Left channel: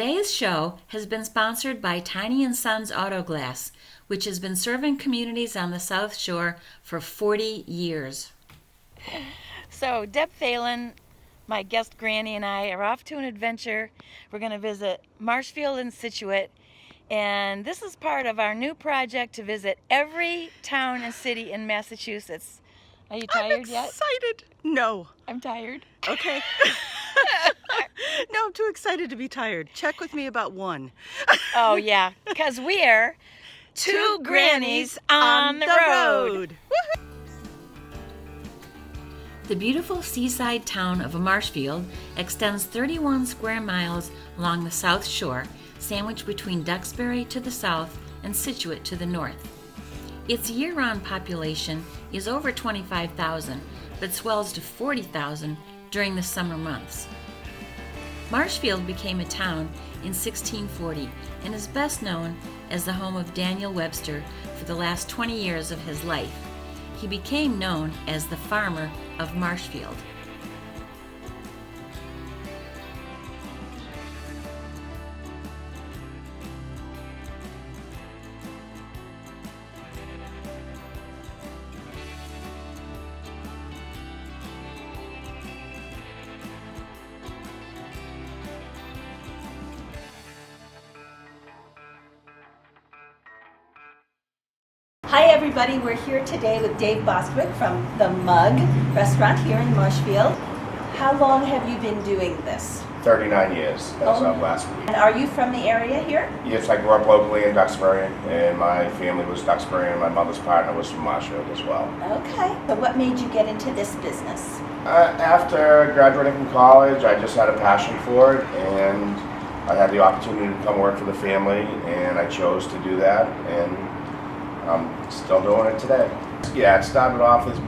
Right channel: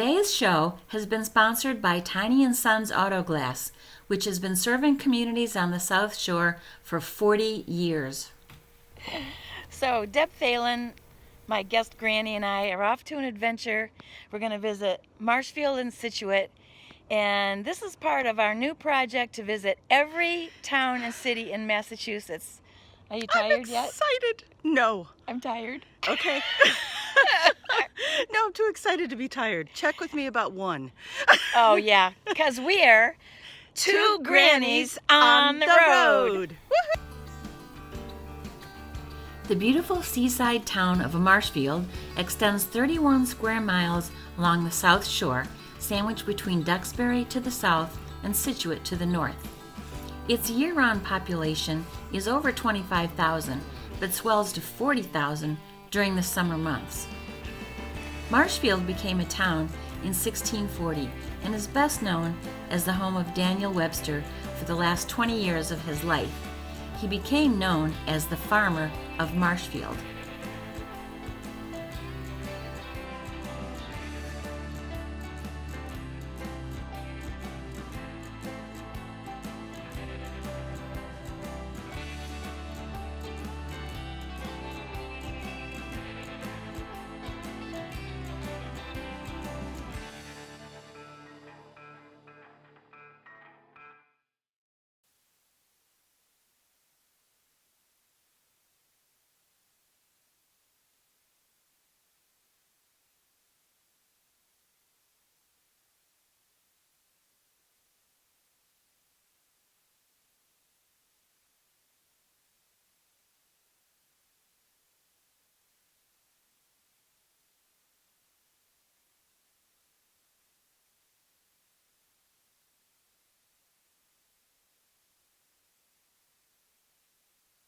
Today's show has been sponsored by Tiny & Sons Auto Glass, which has been serving communities on the South Shore for 40 years. So Deb Phelan, my guest Granny, and I are off to an adventure. We're going to visit Marshfield and Scituate, and this is part of our new project to visit every town and city in Massachusetts. Are you tired yet? I'm excited. No. I'm tired. Okay. No, I'm too excited to be tired. Check with me about 1. Oh, yeah, because we're two grannies on the road. The beautiful seaside town of Marshfield extends 31 square miles along the South Shore, sandwiched between Duxbury to the south and Scituate to the north. Its year-round population is over 25,000, but swells to 40,000 during the summer months. Marshfield became a town in 1640 and is best known as the home of Daniel Webster for the last 20 years of his life. He became known as the farmer of Marshfield. Hi everybody, we're here today with Dave Bostwick from the Mug restaurant here in Marshfield. How long have you been doing this? 39 years, as of last week. And are you from the area here? Yes, I grew up locally in Duxbury, and my family was Duxbury, and my mother's partner was from Marshfield as well. Okay, so what made you get into this business? After graduating from college, I just had a passion for it, and I had the opportunity to come work for the family, and I chose to do that, and I'm still doing it today. Yeah, it started off as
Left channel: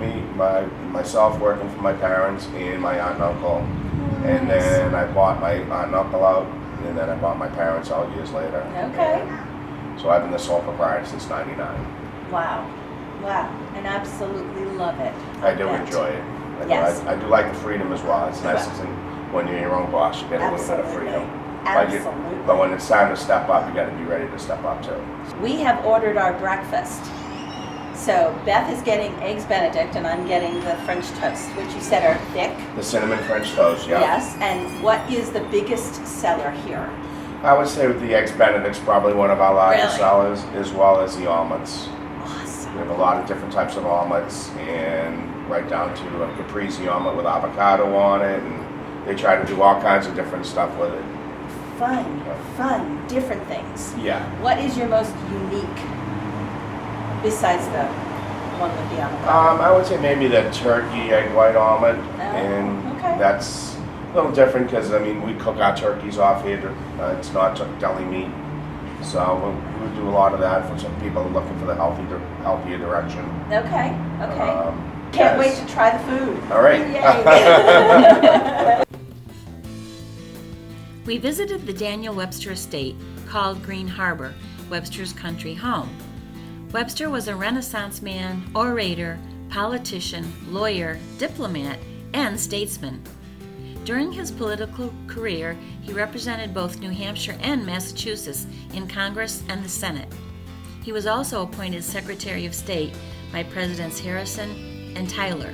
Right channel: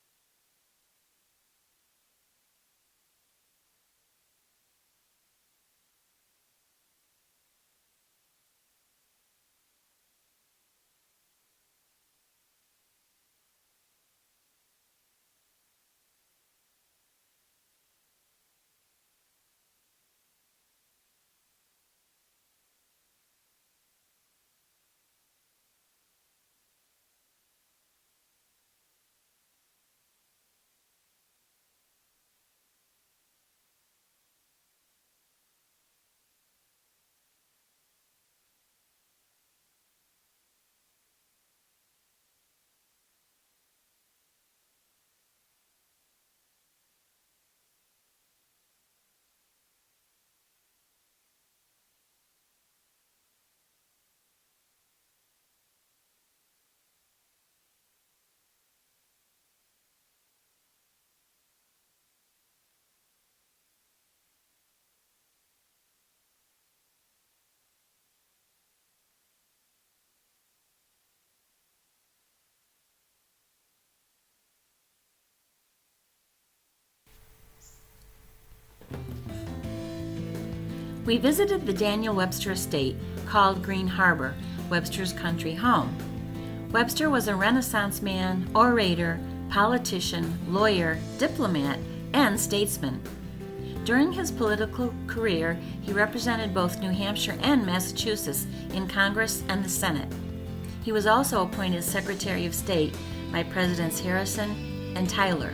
myself working for my parents and my aunt and uncle. And then I bought my aunt and uncle out, and then I bought my parents out years later. Okay. So I've been the sole proprietor since '99. Wow, and absolutely love it. I do enjoy it. Yes. I do like the freedom as well. It's nice when you're your own boss, you get a little bit of freedom. Absolutely. But when it's time to step up, you got to be ready to step up too. We have ordered our breakfast. So Beth is getting eggs Benedict and I'm getting the French toast, which you said are thick. The cinnamon French toast, yeah. Yes, and what is the biggest seller here? I would say with the eggs Benedict's probably one of our largest Really? sellers, as well as the omelets. Awesome. We have a lot of different types of omelets, and right down to a caprese omelet with avocado on it, and they try to do all kinds of different stuff with it. Fun, different things. Yeah. What is your most unique, besides the one with the avocado? I would say maybe the turkey egg white omelet, Oh, okay. that's a little different because we cook our turkeys off here. It's not deli meat, so we do a lot of that for some people looking for the healthier direction. Okay. Can't Yes. wait to try the food. All right. Yay. We visited the Daniel Webster estate, called Green Harbor, Webster's country home. Webster was a Renaissance man, orator, politician, lawyer, diplomat, and statesman. During his political career, he represented both New Hampshire and Massachusetts in Congress and the Senate. He was also appointed Secretary of State by Presidents Harrison and Tyler.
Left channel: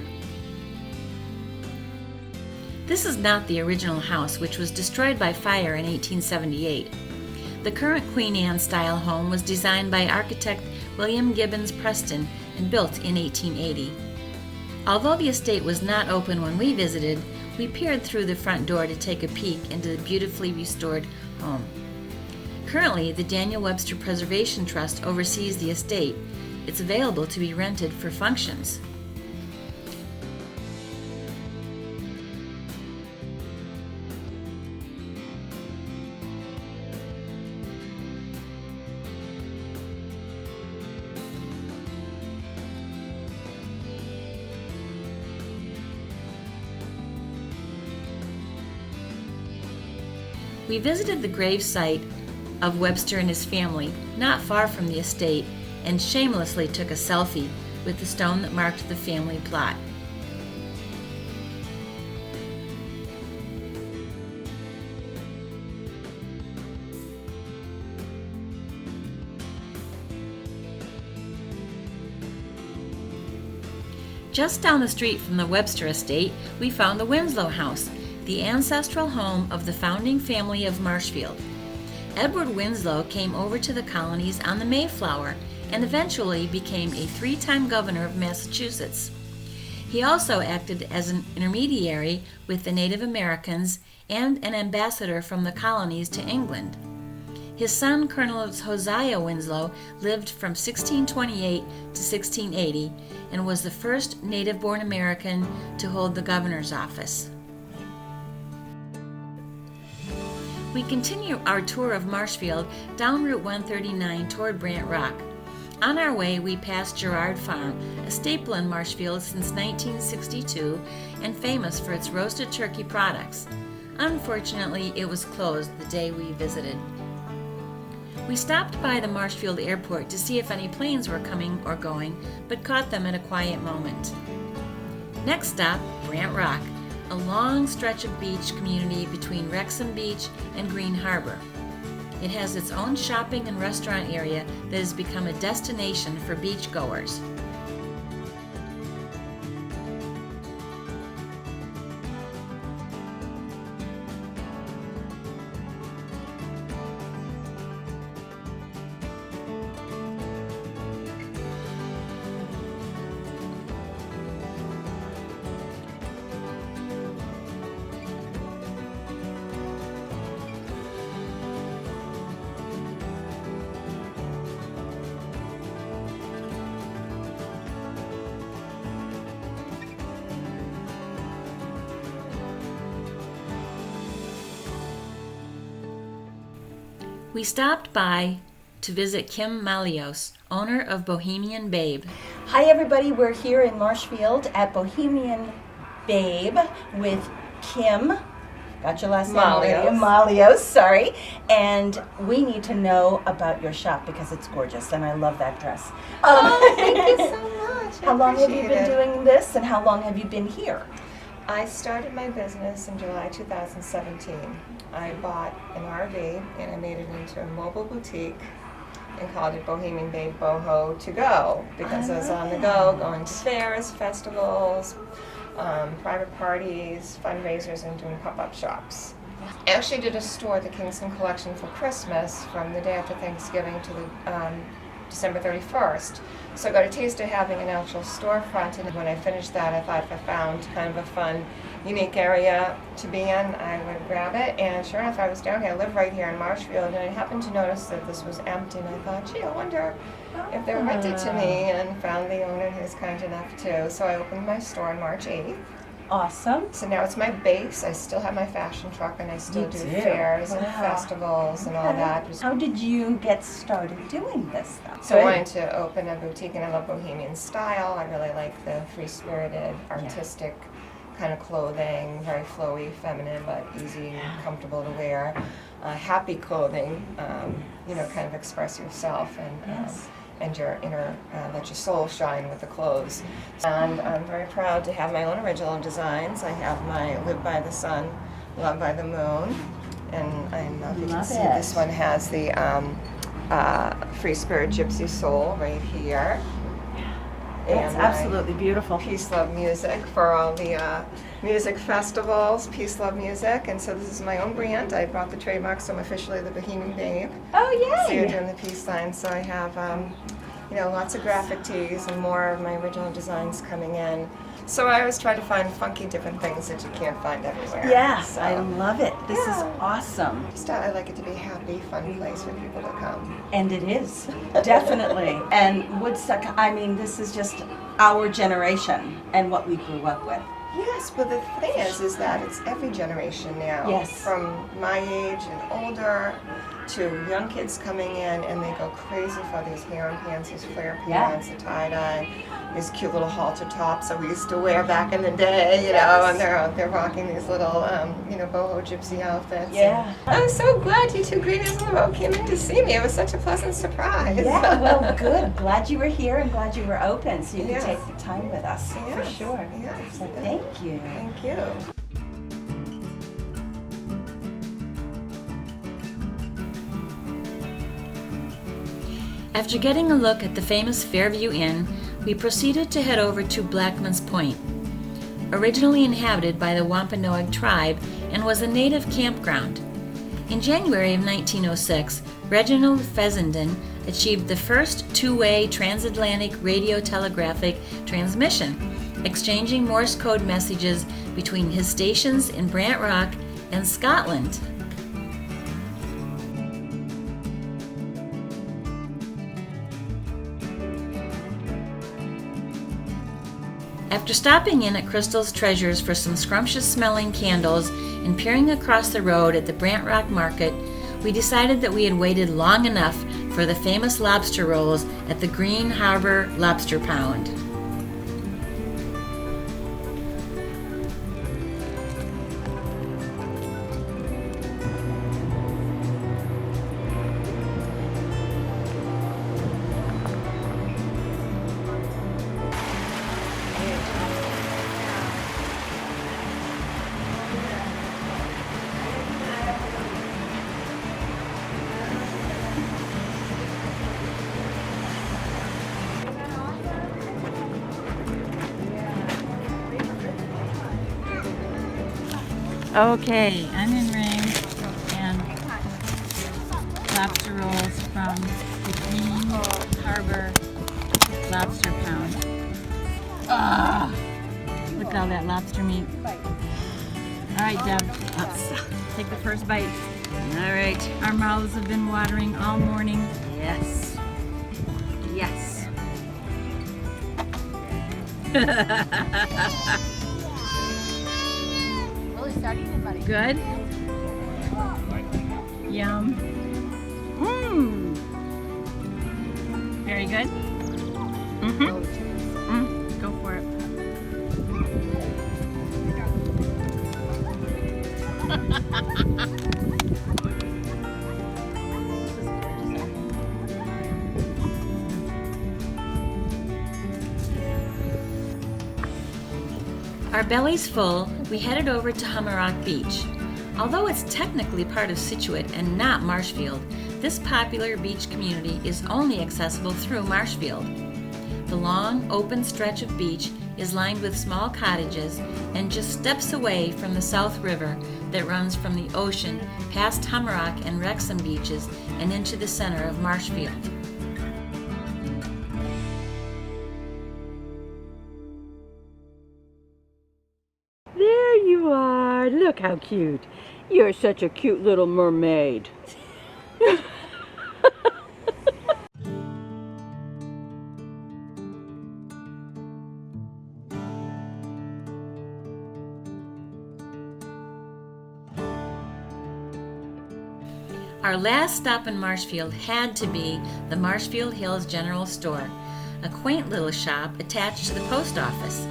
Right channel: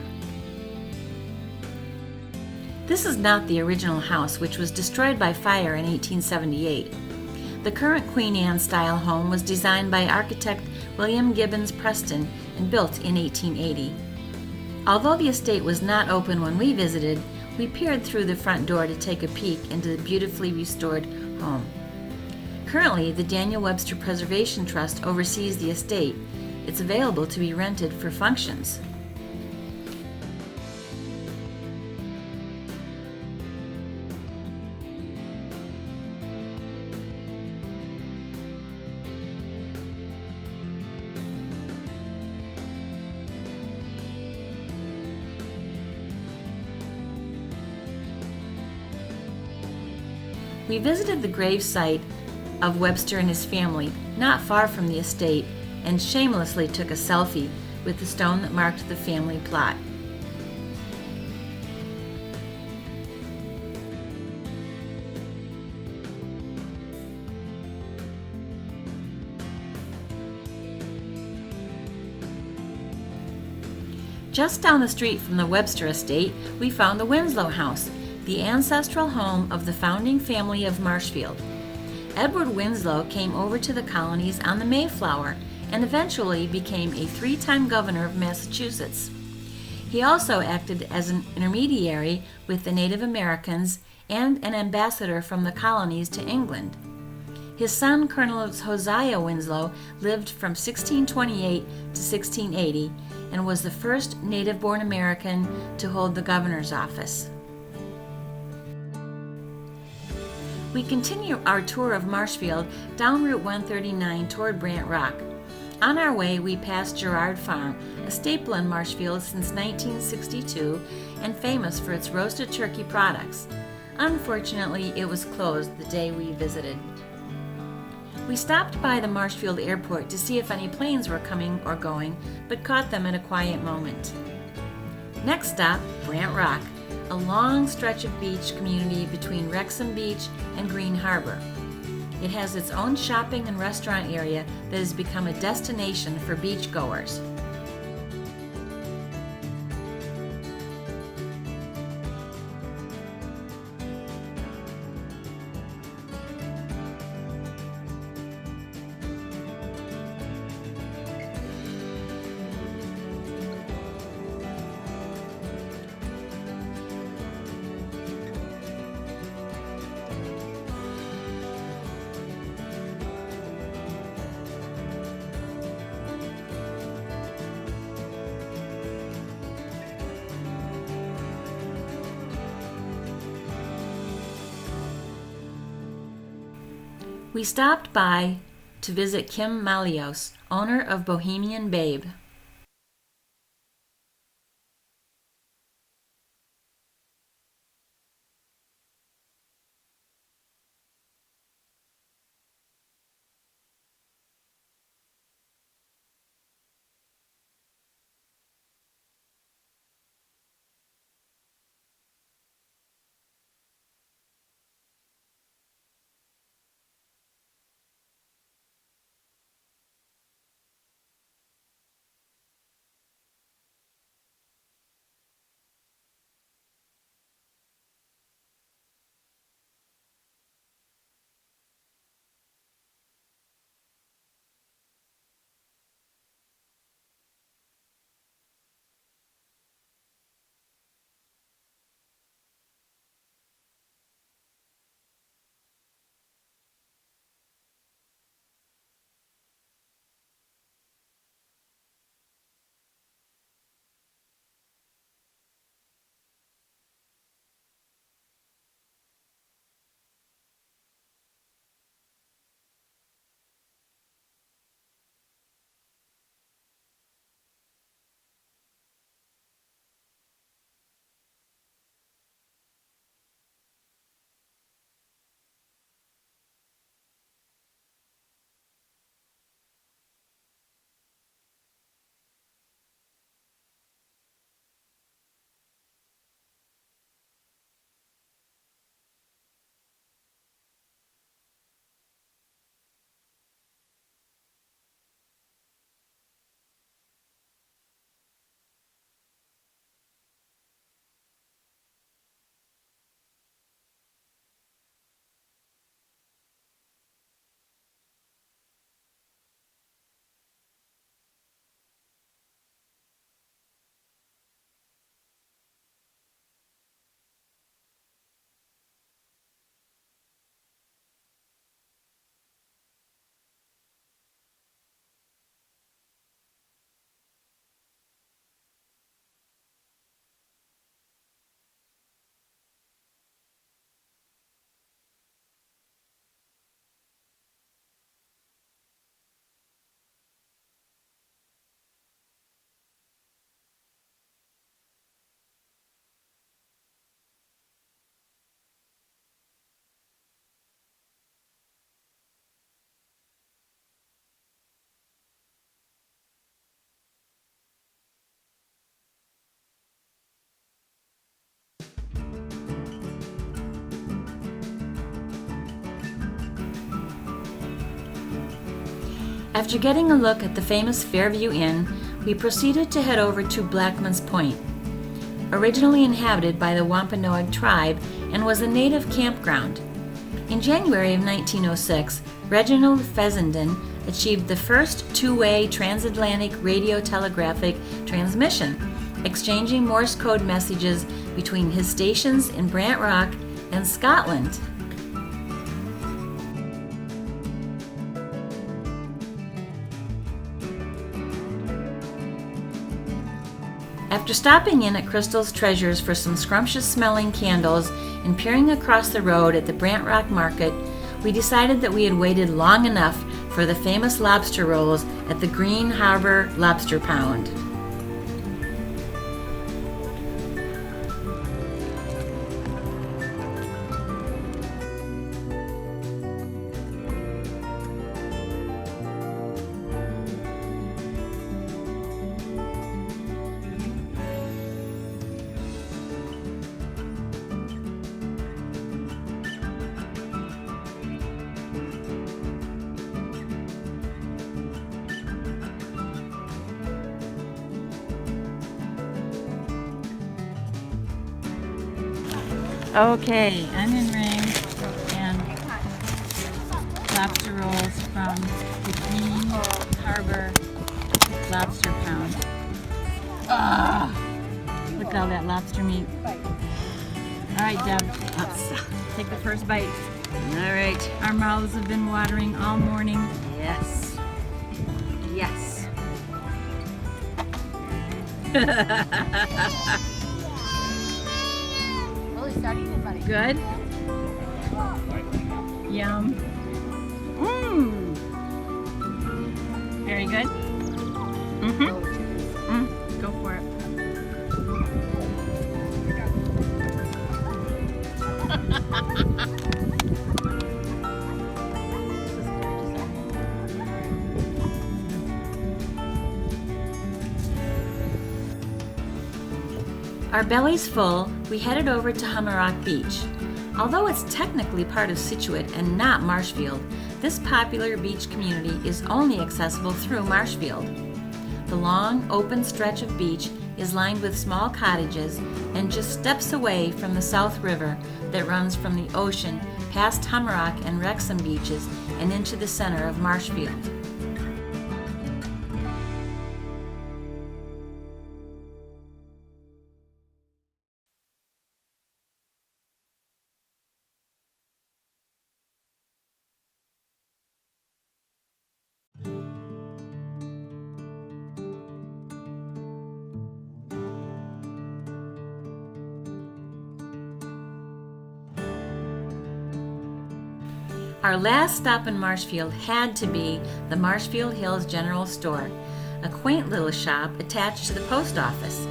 This is not the original house, which was destroyed by fire in 1878. The current Queen Anne-style home was designed by architect William Gibbons Preston and built in 1880. Although the estate was not open when we visited, we peered through the front door to take a peek into the beautifully restored home. Currently, the Daniel Webster Preservation Trust oversees the estate. It's available to be rented for functions. We visited the grave site of Webster and his family, not far from the estate, and shamelessly took a selfie with the stone that marked the family plot. Just down the street from the Webster estate, we found the Winslow House, the ancestral home of the founding family of Marshfield. Edward Winslow came over to the colonies on the Mayflower and eventually became a 3-time governor of Massachusetts. He also acted as an intermediary with the Native Americans and an ambassador from the colonies to England. His son, Colonel Hosea Winslow, lived from 1628 to 1680 and was the first native-born American to hold the governor's office. We continue our tour of Marshfield down Route 139 toward Brant Rock. On our way, we passed Girard Farm, a staple in Marshfield since 1962 and famous for its roasted turkey products. Unfortunately, it was closed the day we visited. We stopped by the Marshfield Airport to see if any planes were coming or going, but caught them at a quiet moment. Next stop, Brant Rock, a long stretch of beach community between Wrexham Beach and Green Harbor. It has its own shopping and restaurant area that has become a destination for beachgoers. We stopped by to visit Kim Malios, owner of Bohemian Babe. Hi everybody, we're here in Marshfield at Bohemian Babe with Kim. Got your last name already? Malios, sorry. And we need to know about your shop because it's gorgeous and I love that dress. Thank you so much. How long have you been doing this and how long have you been here? I started my business in July 2017. I bought an RV and I made it into a mobile boutique and called it Bohemian Babe Boho to go because I was on the go, going to fairs, festivals, private parties, fundraisers, and doing pop-up shops. I actually did a store, the Kingston Collection, for Christmas from the day after Thanksgiving to the December 31st. So I got a taste of having an actual storefront, and when I finished that, I thought if I found kind of a fun, unique area to be in, I would grab it. And sure enough, I was down here. I live right here in Marshfield, and I happened to notice that this was empty, and I thought, gee, I wonder if they're rented to me, and found the owner who was kind enough to. So I opened my store on March 8th. Awesome. So now it's my base. I still have my fashion truck, and I still do fairs and festivals and all that. How did you get started doing this stuff? So I wanted to open a boutique, and I love Bohemian style. I really like the free-spirited, artistic kind of clothing, very flowy, feminine, but easy and comfortable to wear. Happy clothing, kind of express yourself and your inner, let your soul shine with the clothes. And I'm very proud to have my own original designs. I have my Live by the Sun, Love by the Moon, and I don't know if you can see, this one has the Free Spirit Gypsy Soul right here. It's absolutely beautiful. Peace, Love Music for all the music festivals, Peace, Love Music. And so this is my own brand. I bought the trademark, so I'm officially the Bohemian Babe. Oh, yay! So you're doing the peace sign. So I have, lots of graphic tees and more of my original designs coming in. So I always try to find funky different things that you can't find everywhere. Yes, so, I love it. This is awesome. Just I like it to be a happy, fun place for people to come. And it is, definitely. And Woodstock, this is just our generation and what we grew up with. Yes, but the thing is that it's every generation now. Yes. From my age and older to young kids coming in, and they go crazy for these hair and pants, these flare pants, the tie-dye, these cute little halter tops that we used to wear back in the day, and they're rocking these little, boho gypsy outfits. Yeah. I'm so glad you two Greenies in the Road came in to see me. It was such a pleasant surprise. Yeah, well, good. Glad you were here and glad you were open so you could Yes. take the time with us, for sure. Yes. So thank you. Thank you. After getting a look at the famous Fairview Inn, we proceeded to head over to Blackman's Point. Originally inhabited by the Wampanoag tribe and was a native campground. In January of 1906, Reginald Fessenden achieved the first two-way transatlantic radio-telegraphic transmission, exchanging Morse code messages between his stations in Brant Rock and Scotland. After stopping in at Crystal's Treasures for some scrumptious-smelling candles and peering across the road at the Brant Rock Market, we decided that we had waited long enough for the famous lobster rolls at the Green Harbor Lobster Pound. Okay, onion rings and lobster rolls from the Green Harbor Lobster Pound. Look at all that lobster meat. All right, Deb, let's take the first bite. All right. Our mouths have been watering all morning. Yes. Yes. Good? Yum. Mmm. Very good? Mm-hmm. Go for it. Our bellies full, we headed over to Humber Beach. Although it's technically part of Scituate and not Marshfield, this popular beach community is only accessible through Marshfield. The long, open stretch of beach is lined with small cottages and just steps away from the South River that runs from the ocean past Hummerock and Wrexham beaches and into the center of Marshfield. There you are. Look how cute. You're such a cute little mermaid. Our last stop in Marshfield had to be the Marshfield Hills General Store, a quaint little shop attached to the post office.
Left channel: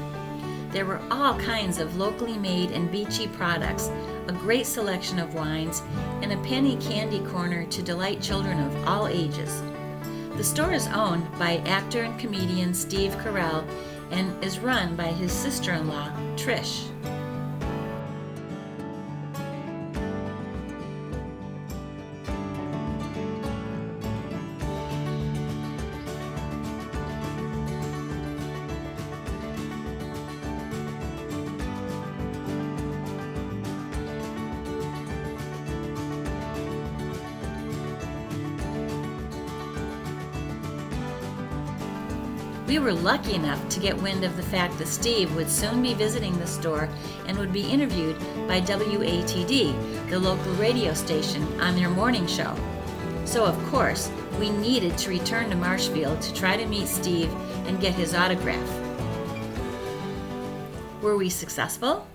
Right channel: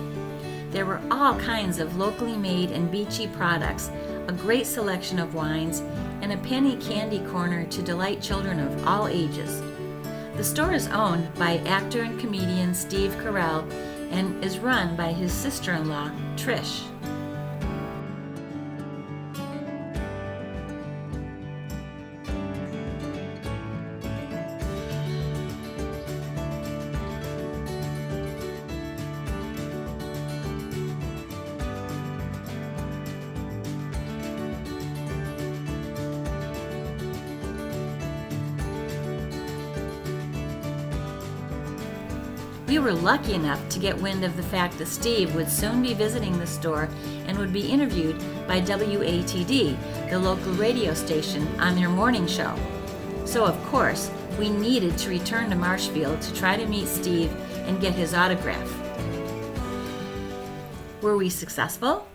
There were all kinds of locally made and beachy products, a great selection of wines, and a penny candy corner to delight children of all ages. The store is owned by actor and comedian Steve Carell and is run by his sister-in-law, Trish. We were lucky enough to get wind of the fact that Steve would soon be visiting the store and would be interviewed by WATD, the local radio station, on their morning show. So of course, we needed to return to Marshfield to try to meet Steve and get his autograph. Were we successful?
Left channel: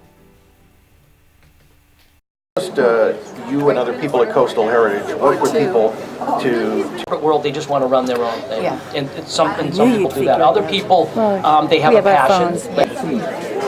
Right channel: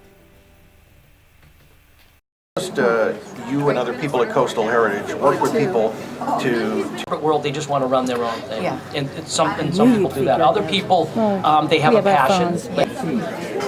You and other people at Coastal Heritage work with people to world, they just want to run their own thing. Yeah. And some people do that. Other people, they have a passion.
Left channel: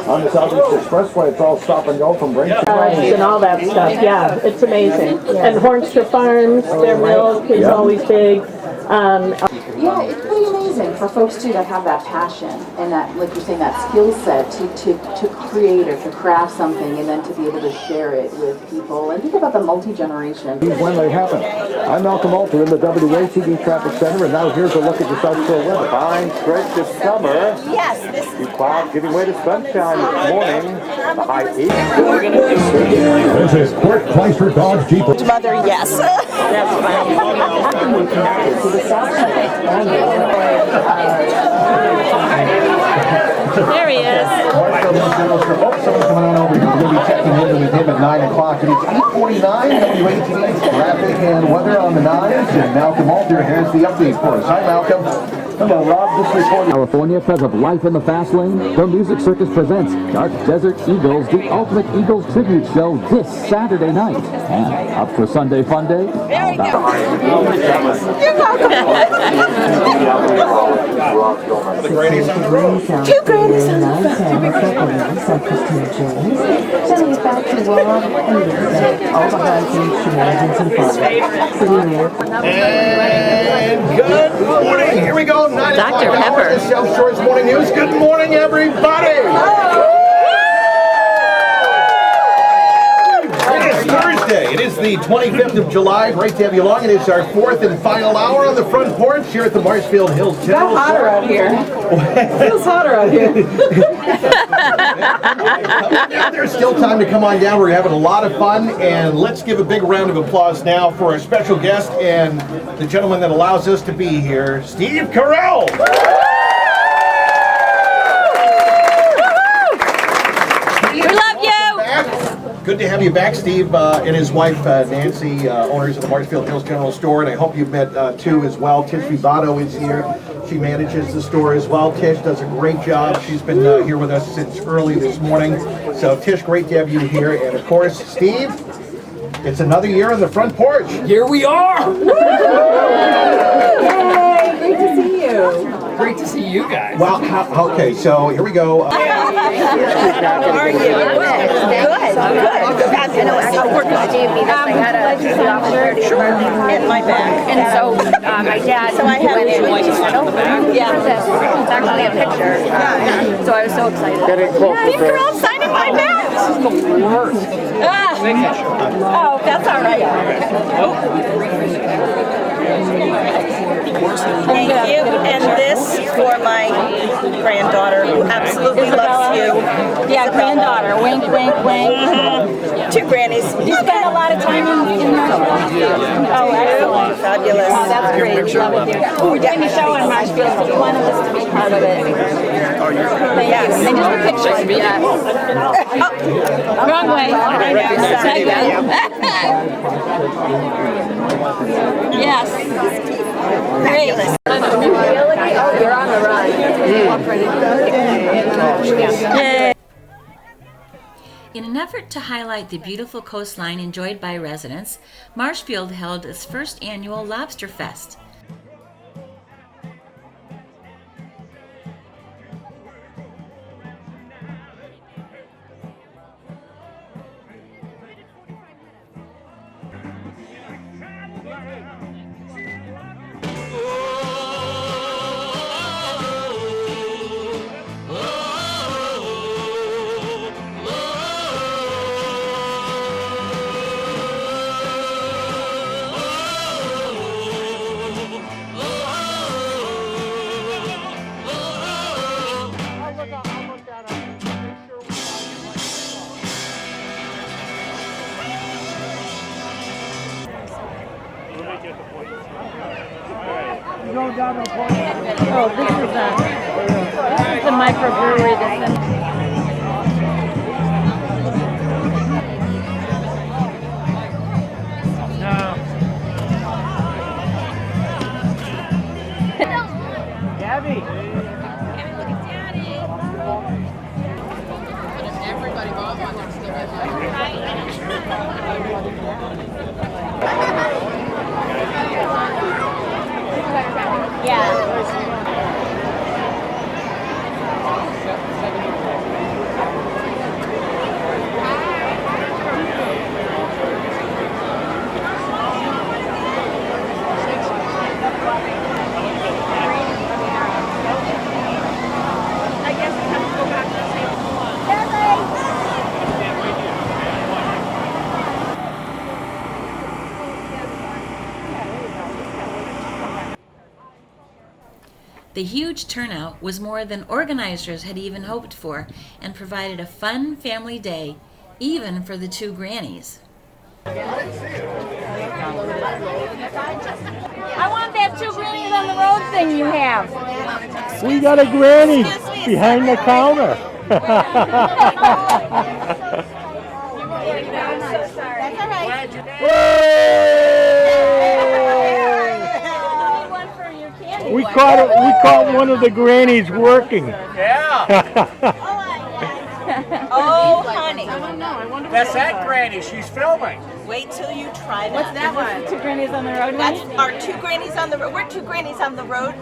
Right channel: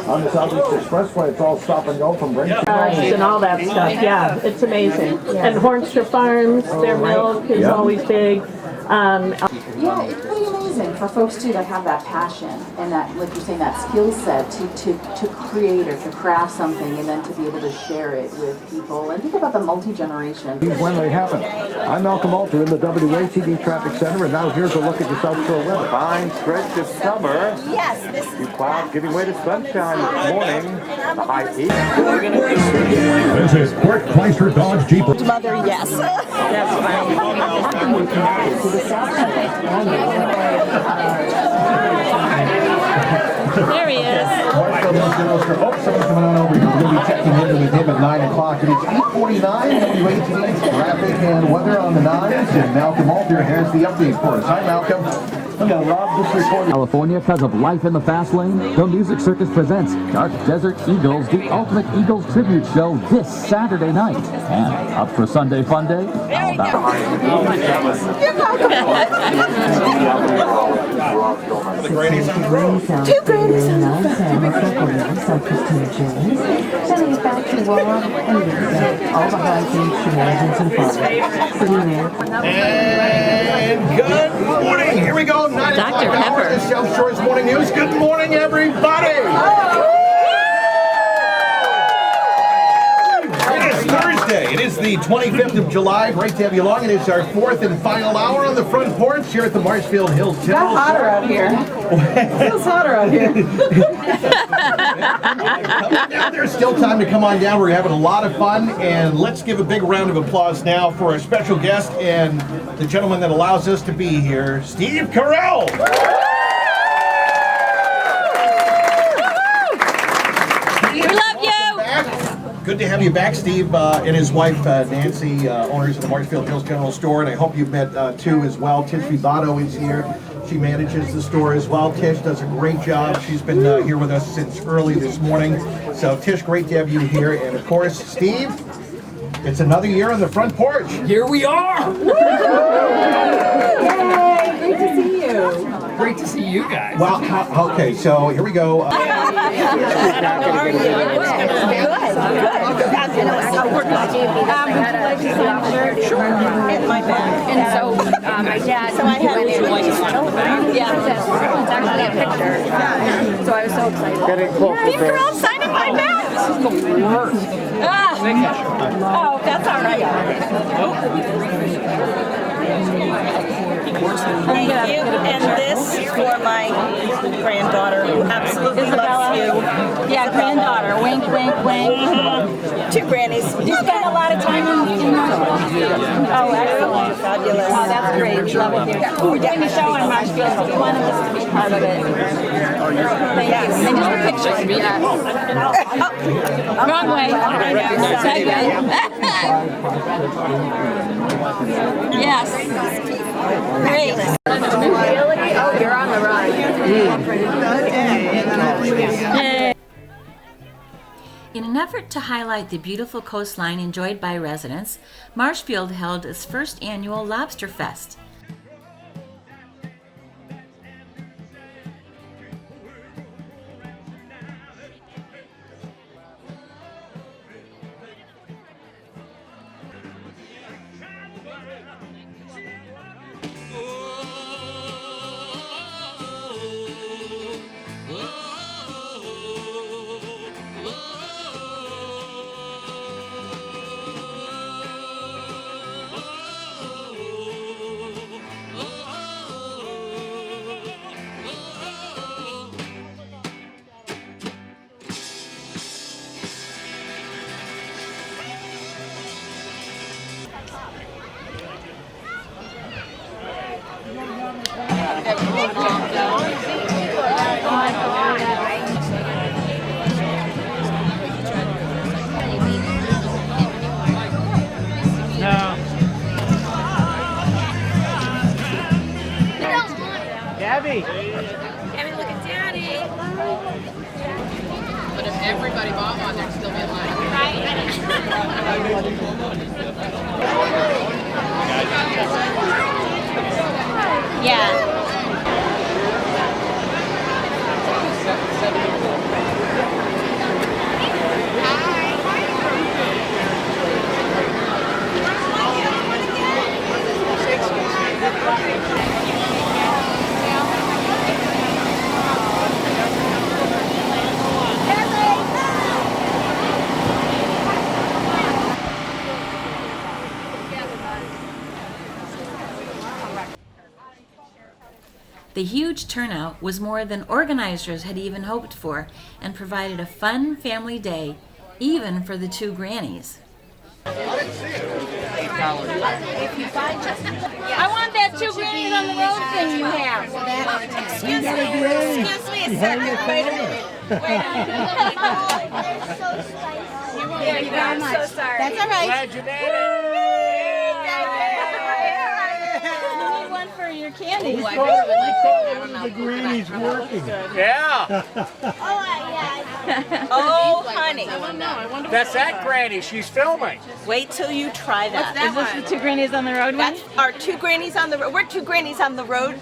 On the Southeast Expressway, it's all stop and go from Braintree. And all that stuff, yeah, it's amazing. And Hornstra Farms, their milk is always big. Yeah, it's pretty amazing. for folks too that have that passion and that, like you're saying, that skill set to create or to craft something and then to be able to share it with people. And think about the multi-generation. When they happen. I'm Malcolm Alter in the WATD Traffic Center, and now here's a look at the South Shore weather. Fine stretch of summer. Yes, this Few clouds giving way to sunshine this morning. The high 80s. This is Court Chrysler Dodge Jeep. mother, yes. That's fine. To the South Shore. There he is. Someone's coming on over here. We're going to be checking in with him at 9 o'clock. It is 8:49. WATD's traffic and weather on the 9s. And Malcolm Alter has the update for us. Hi, Malcolm. Hello, Rob. This report. California, because of life in the fast lane, the Music Circus presents Dark Desert Eagles, the Ultimate Eagles Tribute Show this Saturday night. And up for Sunday Fun Day. Very good. The Grannies on the road. Two Grannies on the road. Sending us back to Rob and all the hijinks, shenanigans, and fun. And good morning. Here we go. 9 o'clock Dr. Pepper. The South Shore's Morning News. Good morning, everybody. It is Thursday. It is the 25th of July. Great to have you along. It is our fourth and final hour on the front porch here at the Marshfield Hills General It's hotter out here. It feels hotter out here. There's still time to come on down. We're having a lot of fun, and let's give a big round of applause now for our special guest and the gentleman that allows us to be here, Steve Carell. We love you. Good to have you back, Steve, and his wife, Nancy, owners of the Marshfield Hills General Store, and I hope you've met two as well. Tish Vivato is here. She manages the store as well. Tish does a great job. She's been here with us since early this morning. So, Tish, great to have you here. And, of course, Steve, it's another year on the front porch. Here we are. Yay! Great to see you. Great to see you guys. Well, okay, so here we go. How are you? Good. Sure. And my bag. And so my dad. So I have Yeah. It's actually a picture. So I was so excited. Steve Carell signing my bag. This is the worst. Oh, that's all right. Thank you. And this for my granddaughter who absolutely loves you. Yeah, granddaughter. Wink, wink, wink. Two grannies. You spend a lot of time in Marshfield? Oh, excellent. Fabulous. Oh, that's great. Love it here. We're doing a show in Marshfield, so we wanted us to be part of it. Thank you. And just a picture. Yeah. Wrong way. Yes. Great. Oh, you're on the run. Yay. In an effort to highlight the beautiful coastline enjoyed by residents, Marshfield held its first annual Lobster Fest. Oh, this is the microbrewery that's in. The huge turnout was more than organizers had even hoped for and provided a fun family day, even for the two Grannies. I want that two Grannies on the road thing you have. We got a Granny behind the counter. I'm so sorry. That's all right. We caught one of the Grannies working. Yeah. Oh, honey. That's that Granny. She's filming. Wait till you try that. What's that one? Two Grannies on the road? That's our two Grannies on the road. We're two Grannies on the road.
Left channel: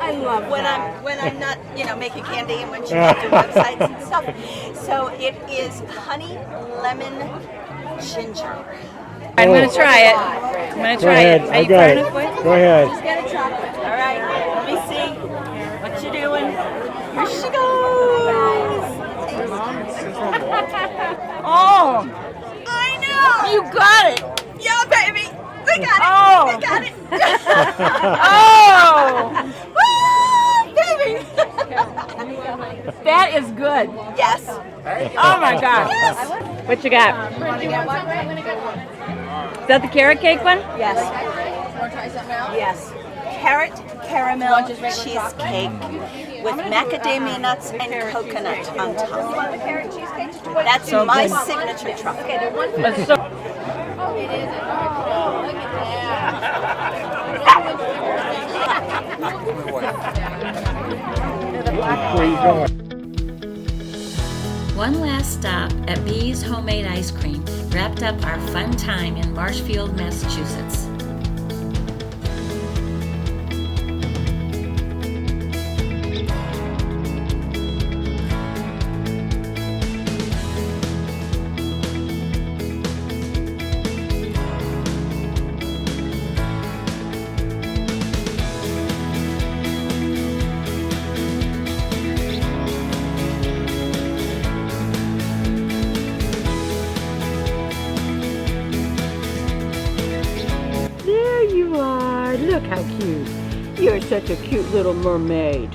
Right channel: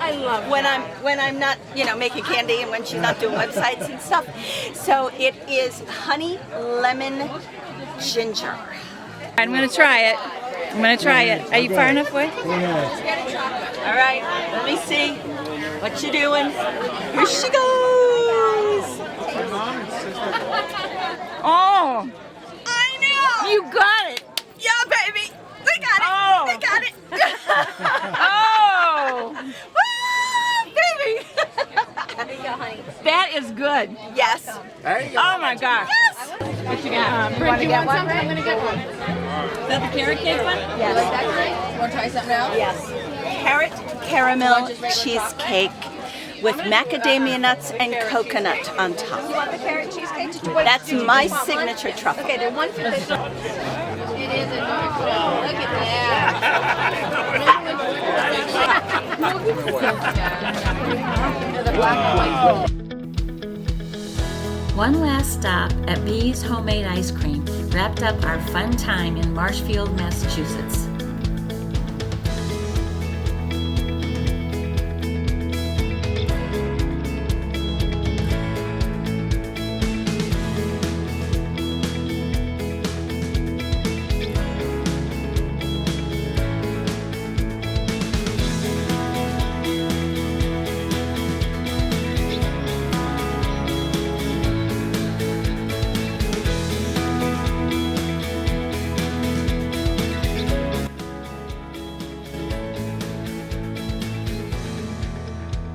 I love when that. I'm not, making candy and when she's not doing websites and stuff. So it is honey lemon ginger. I'm gonna try it. I'm gonna try it. I got it. Go ahead. All right, let me see what you doing. Here she goes. Oh, I knew you got it. Yeah, baby, we got it. Oh. We got it. Oh! Baby. That is good. Yes. Oh my gosh. What you got? Brent, you want one? I'm gonna get one. Is that the carrot cake one? Yes. Want to try something else? Yes. Carrot caramel cheesecake with macadamia nuts and coconut on top. That's So my good. signature truffle. That's so- It is adorable. Look at Where you going? One last stop at Bee's Homemade Ice Cream wrapped up our fun time in Marshfield, Massachusetts. There you are. Look how cute. You're such a cute little mermaid.